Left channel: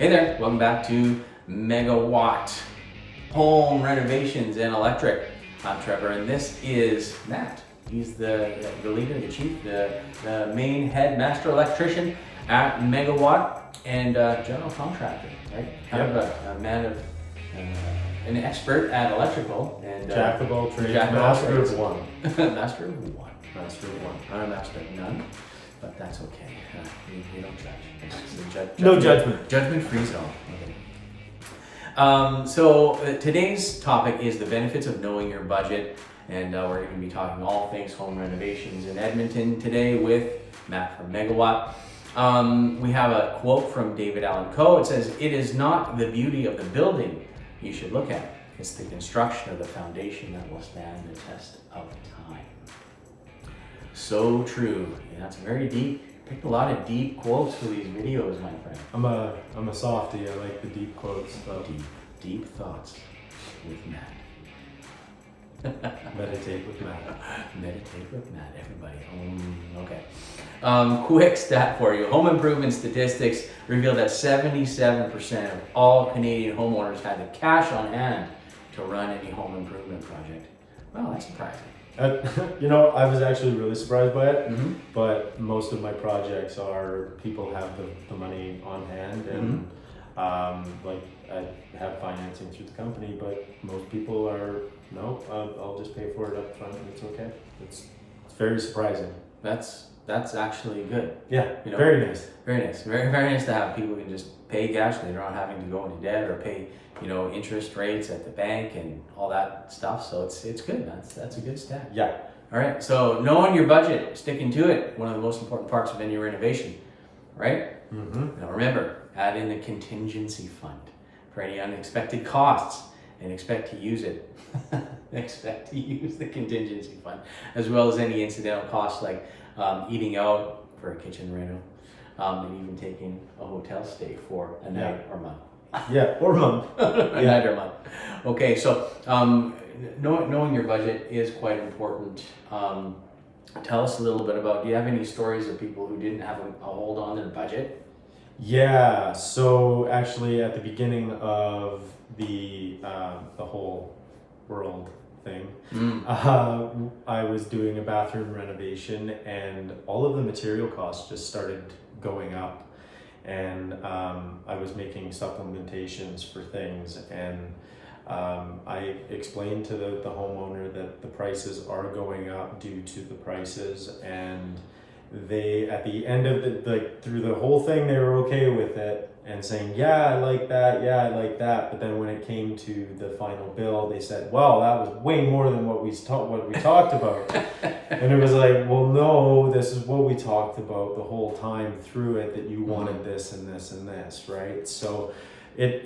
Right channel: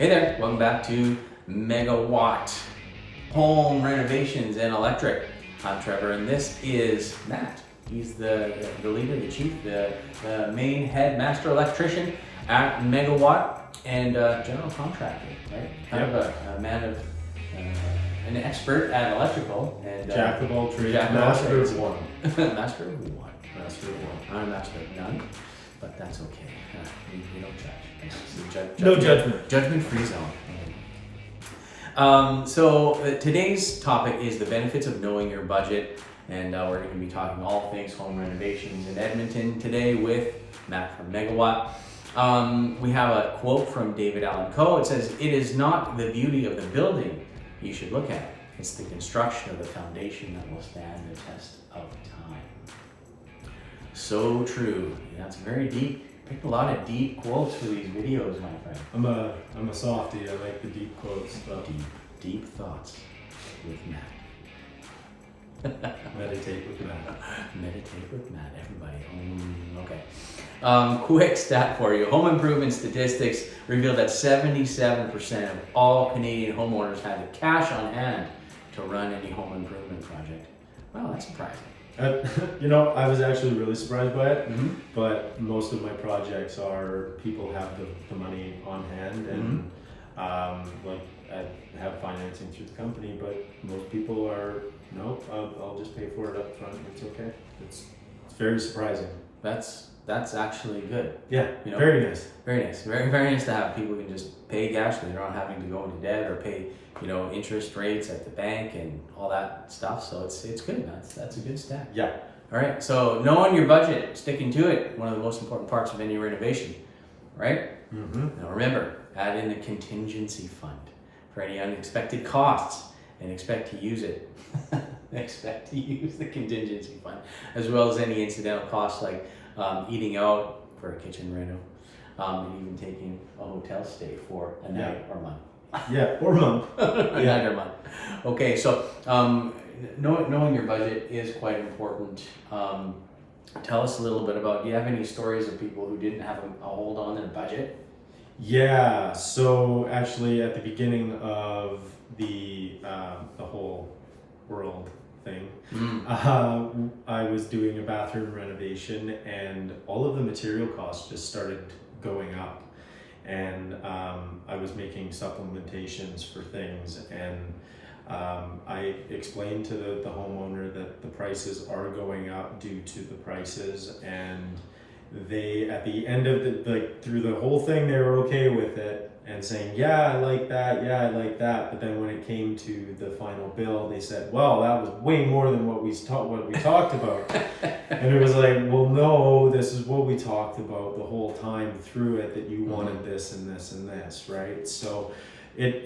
Hey there, welcome back to Megawatt Home Renovations and Electric. I'm Trevor and this is Matt. He's the leader, the chief, the main head master electrician at Megawatt and general contractor, right? Kind of a man of, an expert at electrical. And Jack of all trades, master of one. Master of one. Master of one. I'm a master of none, but that's okay. We don't judge. No judgment. Judgment-free zone. So today's topic is the benefits of knowing your budget, and we're going to be talking all things home renovations in Edmonton today with Matt from Megawatt. We have a quote from David Allen Coe. It says, "It is not the beauty of the building you should look at. It's the construction of the foundation that will stand the test of time." So true. Yeah, it's very deep. Picked a lot of deep quotes for these videos, my friend. I'm a softie. I like the deep quotes. So. Deep thoughts with Matt. Meditate with Matt. Meditate with Matt, everybody. Okay. Quick stat for you. Home improvement statistics reveal that 77% of all Canadian homeowners had the cash on hand to run any home improvement project. Well, that's surprising. I was actually really surprised by it, but most of my projects are people have the money on hand, and like I have financing through the company, but most people are, no, I'll just pay for it up front, it's okay. It's very surprising. That's actually good. Yeah, very nice. Very nice. Very, very nice to have people who can just pay cash. They're not having to go into debt or pay, interest rates at the bank and all that stuff. So it's good. That's a good stat. Yeah. All right. So knowing your budget, sticking to it, one of the most important parts of any renovation, right? Now remember, add in a contingency fund for any unexpected costs and expect to use it. Expect to use the contingency fund as well as any incidental costs like eating out for a kitchen reno, and even taking a hotel stay for a night or month. Yeah, or month. A night or month. Okay, so knowing your budget is quite important. Tell us a little bit about, do you have any stories of people who didn't have a hold on their budget? Yeah, so actually at the beginning of the whole world thing, I was doing a bathroom renovation and all of the material costs just started going up, and I was making supplementations for things, and I explained to the homeowner that the prices are going up due to the prices, and they, at the end of through the whole thing, they were okay with it and saying, yeah, I like that, but then when it came to the final bill, they said, well, that was way more than what we talked about. And it was like, well, no, this is what we talked about the whole time through it, that you wanted this and this and this, right? So it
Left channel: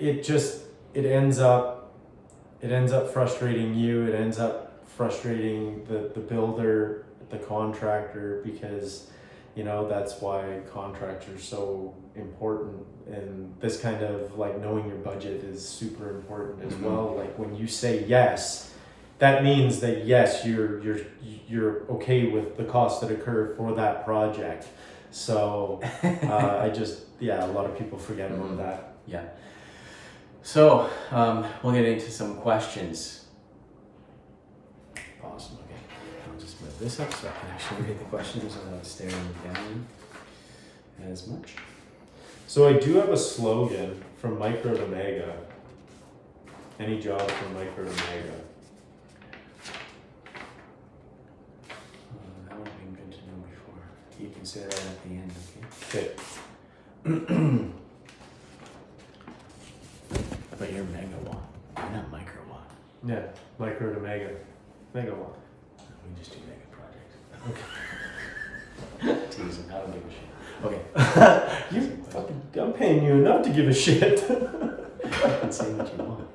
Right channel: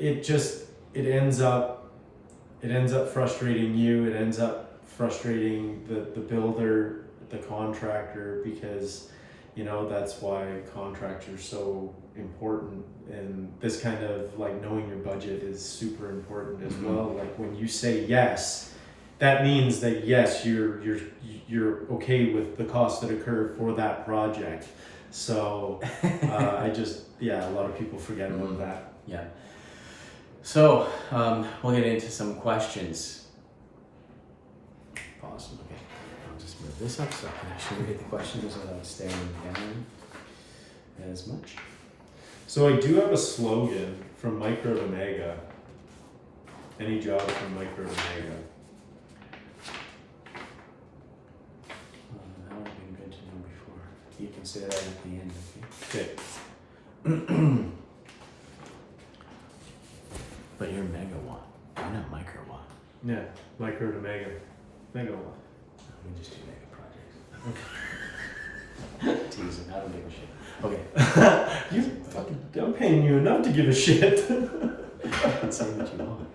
ends up frustrating you, it ends up frustrating the builder, the contractor, because that's why contractors are so important, and this kind of like knowing your budget is super important as well. Like when you say yes, that means that yes, you're okay with the costs that occur for that project. So a lot of people forget about that. Yeah. So we'll get into some questions. Pause. Okay. I'll just move this up so I can actually read the questions without staring down as much. So I do have a slogan, from micro to mega. Any job from micro to mega. That would have been good to know before. You can say that at the end, Okay. But you're megawatt. You're not microwatt. Yeah, micro to mega. Megawatt. We just do mega projects. Teasing, I don't give a shit. Okay. I'm paying you enough to give a shit. You can say what you want.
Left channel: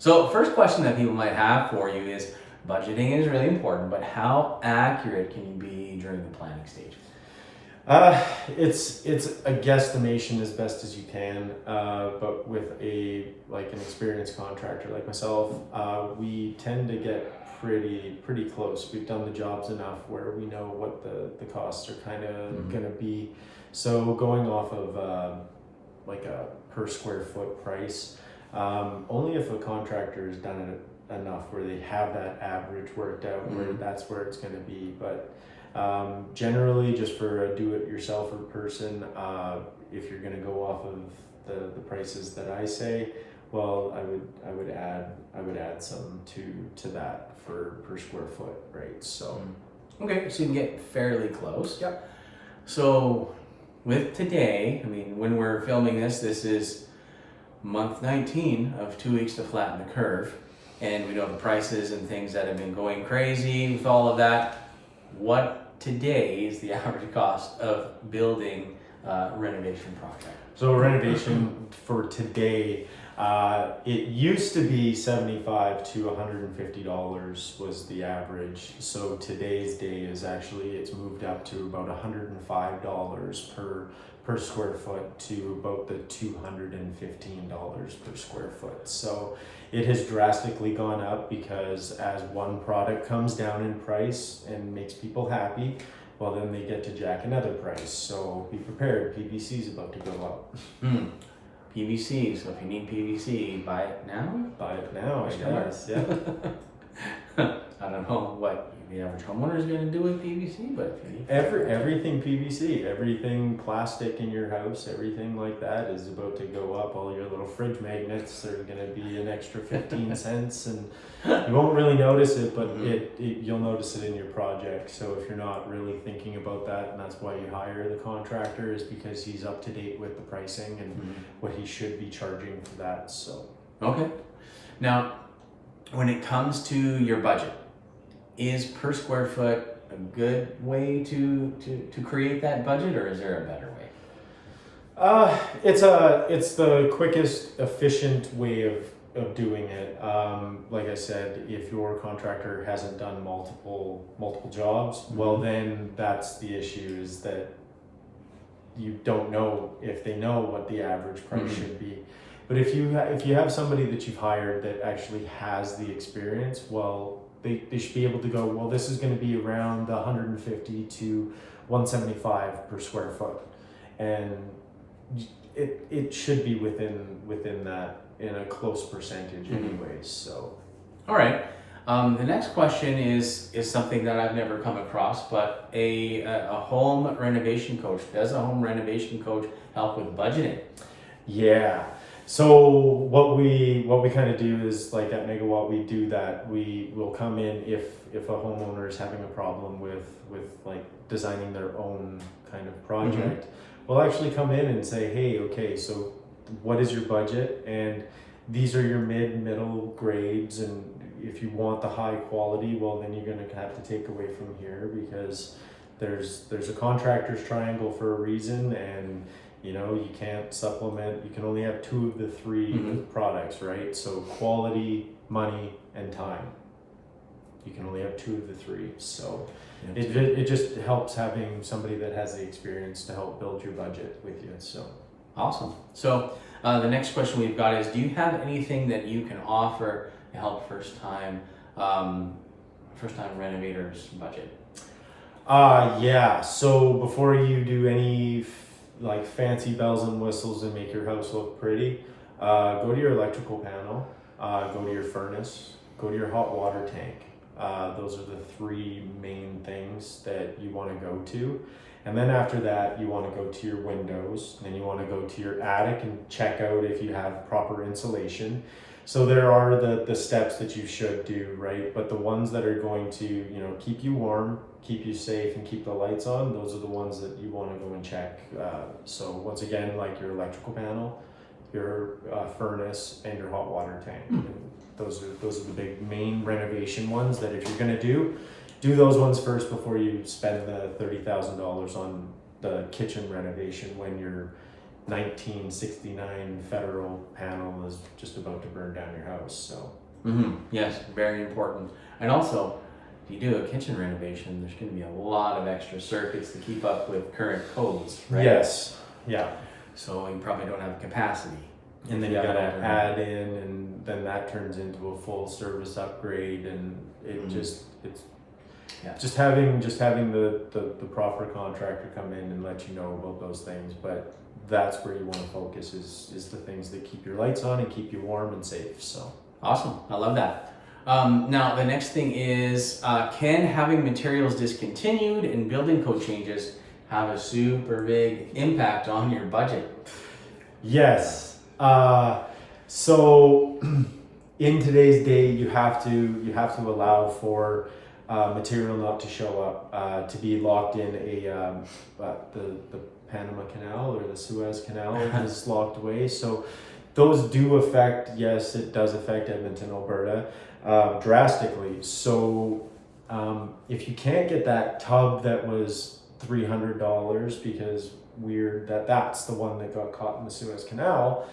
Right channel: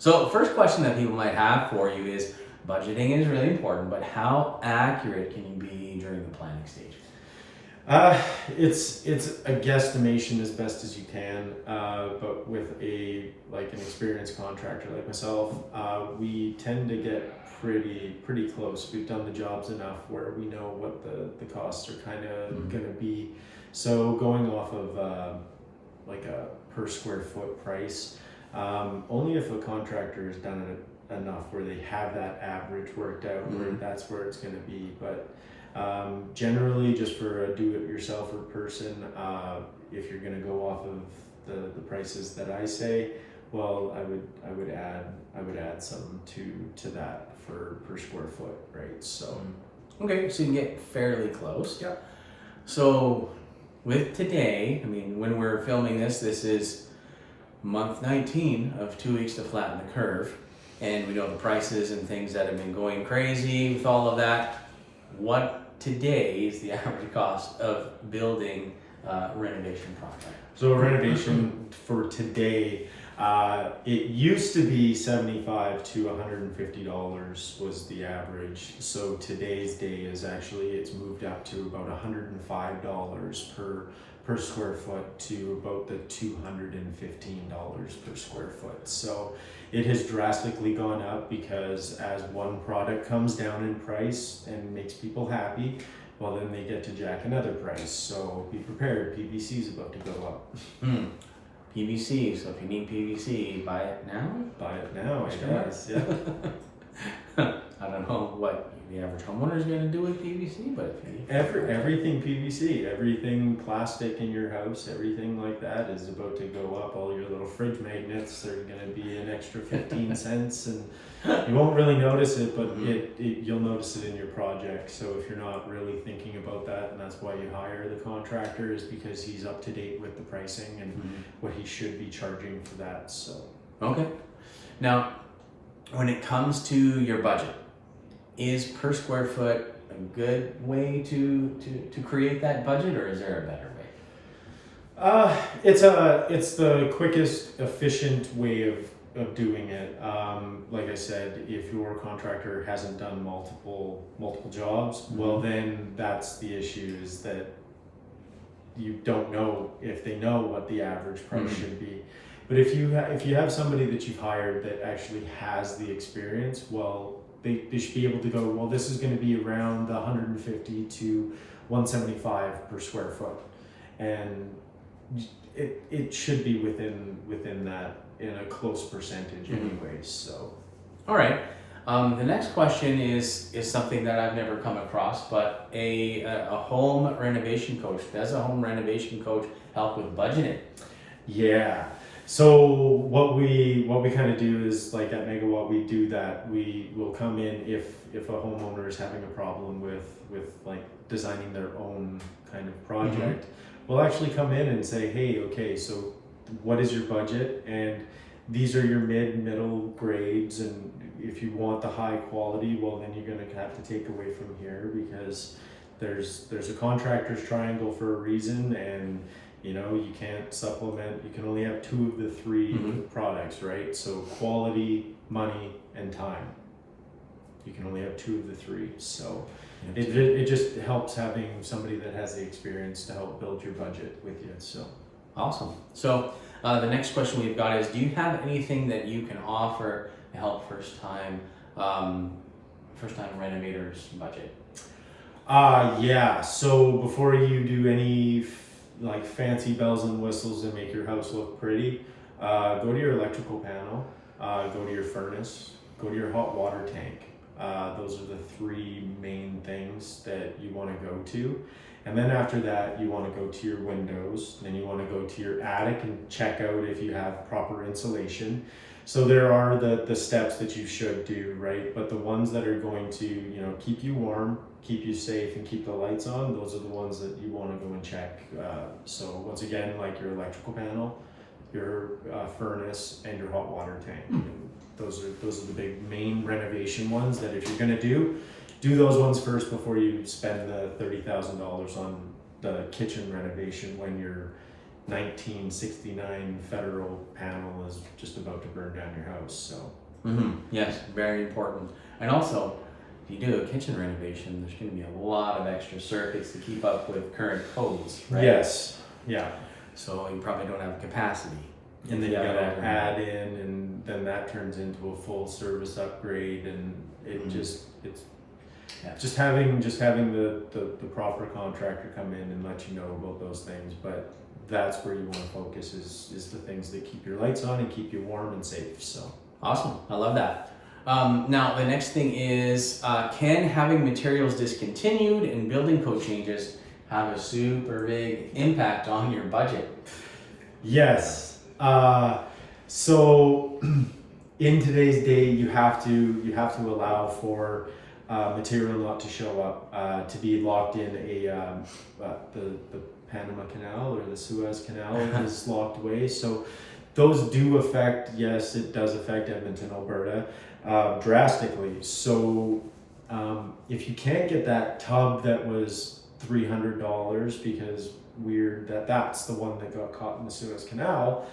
So, first question that people might have for you is, budgeting is really important, but how accurate can you be during the planning stage? It's a guesstimation as best as you can, but with an experienced contractor like myself, we tend to get pretty close. We've done the jobs enough where we know what the costs are kind of gonna be. So going off of like a per square foot price. Only if a contractor has done it enough where they have that average worked out, where that's where it's going to be. But generally, just for a do-it-yourselfer person, if you're going to go off of the prices that I say, well, I would add some to that for per square foot, right? So okay, so you can get fairly close. yeah. So with today, I mean, when we're filming this is month 19 of 2 weeks to flatten the curve, and we know the prices and things that have been going crazy with all of that. What today is the average cost of building a renovation project? So a renovation for today, it used to be $75 to $150 was the average. So today's day is actually, it's moved up to about $105 per square foot to about the $215 per square foot. So it has drastically gone up because as one product comes down in price and makes people happy, well, then they get to jack another price. So be prepared, PVC is about to go up. PVC, so if you need PVC, buy it now? Buy it now, I guess. Yeah. I don't know what the average homeowner is going to do with PVC, but if you need Everything PVC, everything plastic in your house, everything like that is about to go up. All your little fridge magnets are going to be an extra 15 cents, and you won't really notice it, but you'll notice it in your project. So if you're not really thinking about that, and that's why you hire the contractor, is because he's up to date with the pricing and what he should be charging for that. So okay. Now, when it comes to your budget, is per square foot a good way to create that budget, or is there a better way? It's the quickest, efficient way of doing it. Like I said, if your contractor hasn't done multiple jobs, well, then that's the issue, is that you don't know if they know what the average price should be. But if you have somebody that you've hired that actually has the experience, well, they should be able to go, well, this is going to be around the 150 to 175 per square foot, and it should be within that in a close percentage anyways. So all right, the next question is something that I've never come across, but a home renovation coach. Does a home renovation coach help with budgeting? Yeah. So what we kind of do is, like at Megawatt, we do that. We will come in if a homeowner is having a problem with like designing their own kind of project. We'll actually come in and say, hey, okay, so what is your budget? And these are your middle grades, and if you want the high quality, well, then you're going to have to take away from here, because there's a contractor's triangle for a reason, and you know, you can't supplement, you can only have 2 of the 3 products, right? So quality, money, and time. You can only have 2 of the 3. So it just helps having somebody that has the experience to help build your budget with you. So awesome. So the next question we've got is, do you have anything that you can offer to help first time renovators budget? Yeah. So before you do any like fancy bells and whistles and make your house look pretty, go to your electrical panel, go to your furnace, go to your hot water tank. Those are the 3 main things that you want to go to. And then after that, you want to go to your windows, and then you want to go to your attic and check out if you have proper insulation. So there are the steps that you should do, right? But the ones that are going to, you know, keep you warm, keep you safe, and keep the lights on, those are the ones that you want to go and check. So once again, like your electrical panel, your furnace, and your hot water tank. Those are the big main renovation ones that if you're going to do those ones first before you spend the $30,000 on the kitchen renovation when your 1969 federal panel is just about to burn down your house. So yes, very important. And also, if you do a kitchen renovation, there's going to be a lot of extra circuits to keep up with current codes, right? Yes. Yeah. So you probably don't have the capacity. And then you gotta add in, and then that turns into a full service upgrade, and it just having the proper contractor come in and let you know about those things. But that's where you want to focus is the things that keep your lights on and keep you warm and safe. So awesome, I love that. Now the next thing is, can having materials discontinued and building code changes have a super big impact on your budget? yes. So in today's day, you have to allow for material not to show up, to be locked in the Panama Canal or the Suez Canal is locked away. So those do affect, yes, it does affect Edmonton, Alberta, drastically. So if you can't get that tub that was $300 because that's the one that got caught in the Suez Canal,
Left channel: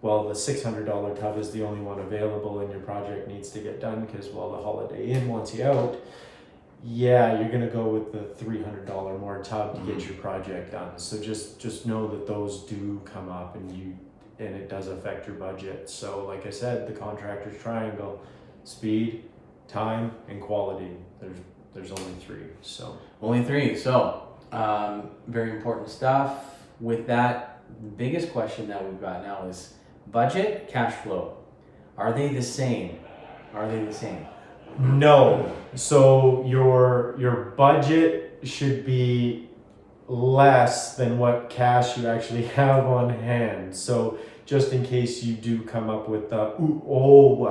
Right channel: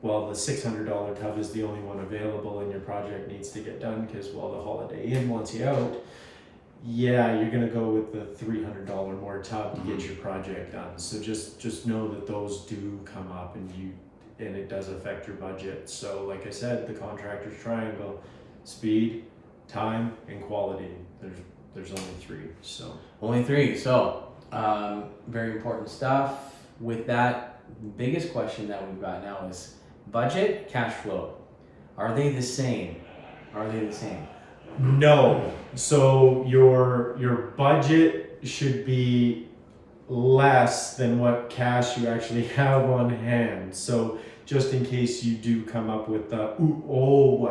well, the $600 tub is the only one available and your project needs to get done because, well, the Holiday Inn wants you out. Yeah, you're gonna go with the $300 more tub to get your project done. So just know that those do come up and it does affect your budget. So like I said, the contractor's triangle: speed, time, and quality. There's only three. So only three. So very important stuff. With that, the biggest question that we've got now is budget, cash flow. Are they the same? Are they the same? No. So your budget should be less than what cash you actually have on hand. So just in case you do come up with I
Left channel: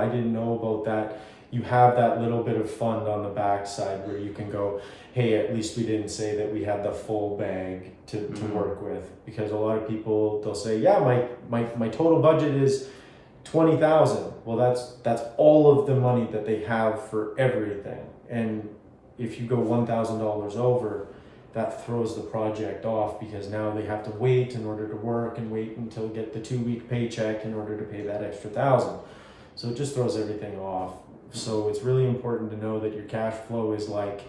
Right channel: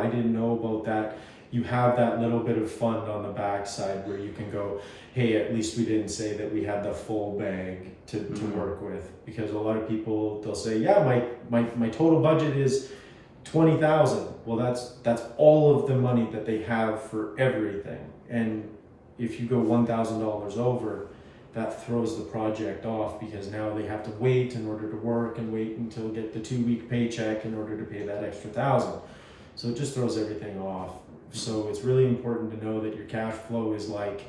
didn't know about that, you have that little bit of fund on the backside where you can go, hey, at least we didn't say that we had the full bag to work with. Because a lot of people, they'll say, yeah, my total budget is $20,000. Well, that's all of the money that they have for everything. And if you go $1,000 over, that throws the project off because now they have to wait in order to work and wait until get the 2-week paycheck in order to pay that extra $1,000. So it just throws everything off. So it's really important to know that your cash flow is like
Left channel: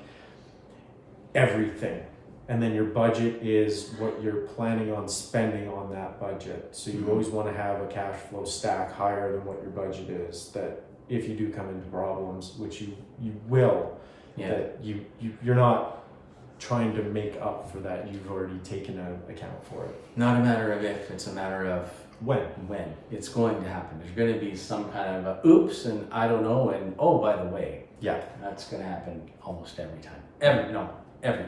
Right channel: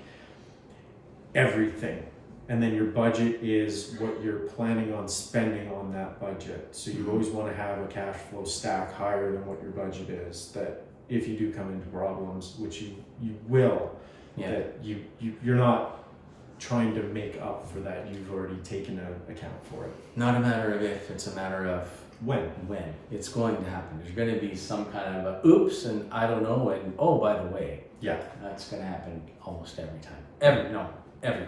everything. And then your budget is what you're planning on spending on that budget. So you always want to have a cash flow stack higher than what your budget is, that if you do come into problems, which you will, that you're not trying to make up for that. You've already taken account for it. Not a matter of if, it's a matter of when. It's going to happen. There's going to be some kind of a oops and I don't know and oh, by the way. Yeah. That's going to happen almost every time. Every time. Every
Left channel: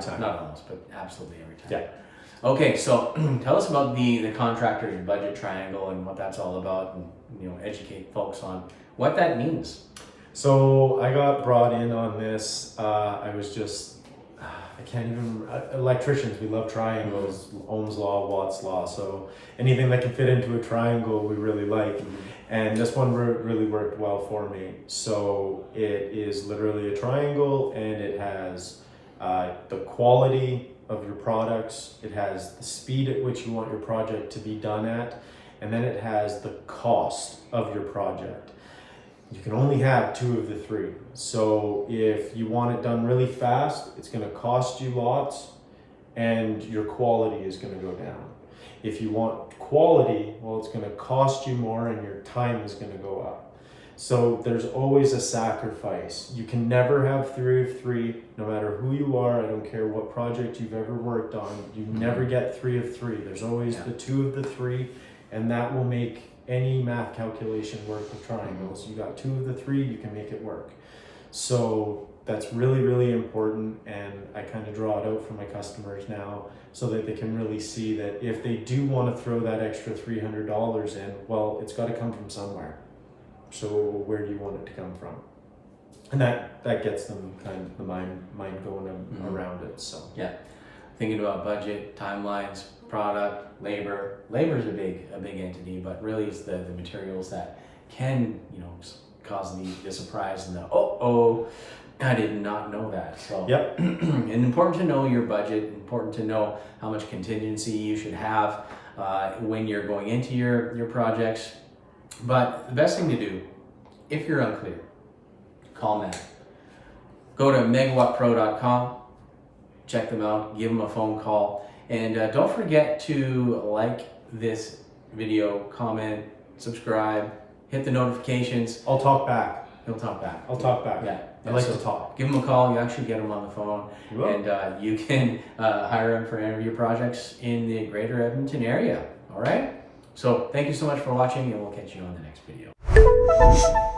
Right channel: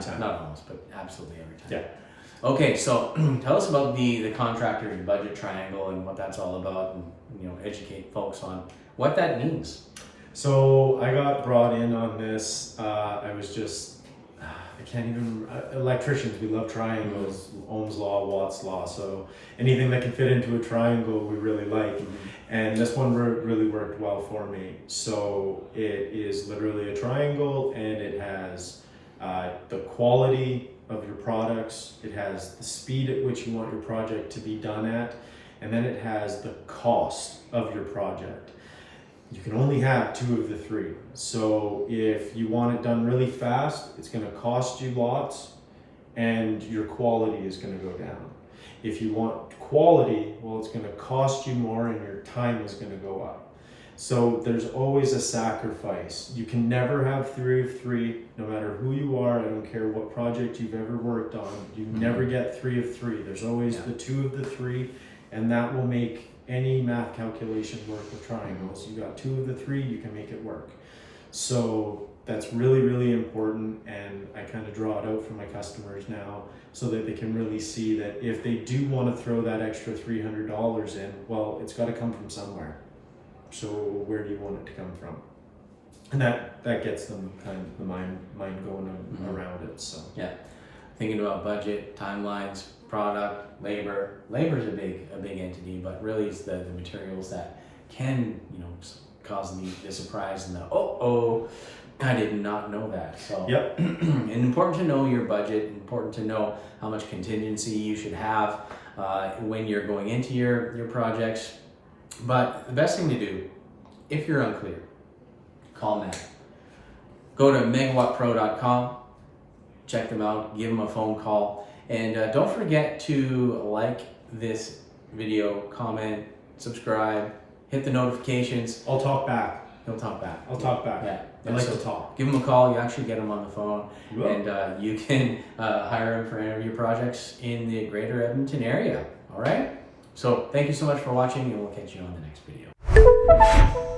time. Not almost, but absolutely every time. Yeah. Okay, so tell us about the contractor's budget triangle and what that's all about, and educate folks on what that means. So I got brought in on this. Electricians, we love triangles, Ohm's law, Watt's law. So anything that can fit into a triangle, we really like. And this one really worked well for me. So it is literally a triangle, and it has the quality of your products, it has the speed at which you want your project to be done at, and then it has the cost of your project. You can only have two of the three. So if you want it done really fast, it's going to cost you lots and your quality is going to go down. If you want quality, well, it's going to cost you more and your time is going to go up. So there's always a sacrifice. You can never have 3 of 3, no matter who you are. I don't care what project you've ever worked on. You never get 3 of 3. There's always the 2 of the 3, and that will make any math calculation work with triangles. You got 2 of the 3, you can make it work. So that's really, really important, and I kind of draw it out for my customers now so that they can really see that if they do want to throw that extra $300 in, well, it's got to come from somewhere. So where do you want it to come from? And that gets them kind of the mind going around it. So yeah, thinking about budget, timelines, product, labor. Labor is a big entity, but really it's the materials that can cause the surprise and the I did not know that. So yep. And important to know your budget. Important to know how much contingency you should have when you're going into your projects. But the best thing to do, if you're unclear, call Matt. Go to megawattpro.com, check them out, give them a phone call, and don't forget to like this video, comment, subscribe, hit the notifications. I'll talk back. He'll talk back. I'll talk back. Yeah. I like So to talk. give them a call. You actually get them on the phone, Whoa. and you can hire them for any of your projects in the greater Edmonton area. All right? So thank you so much for watching, and we'll catch you on the next video.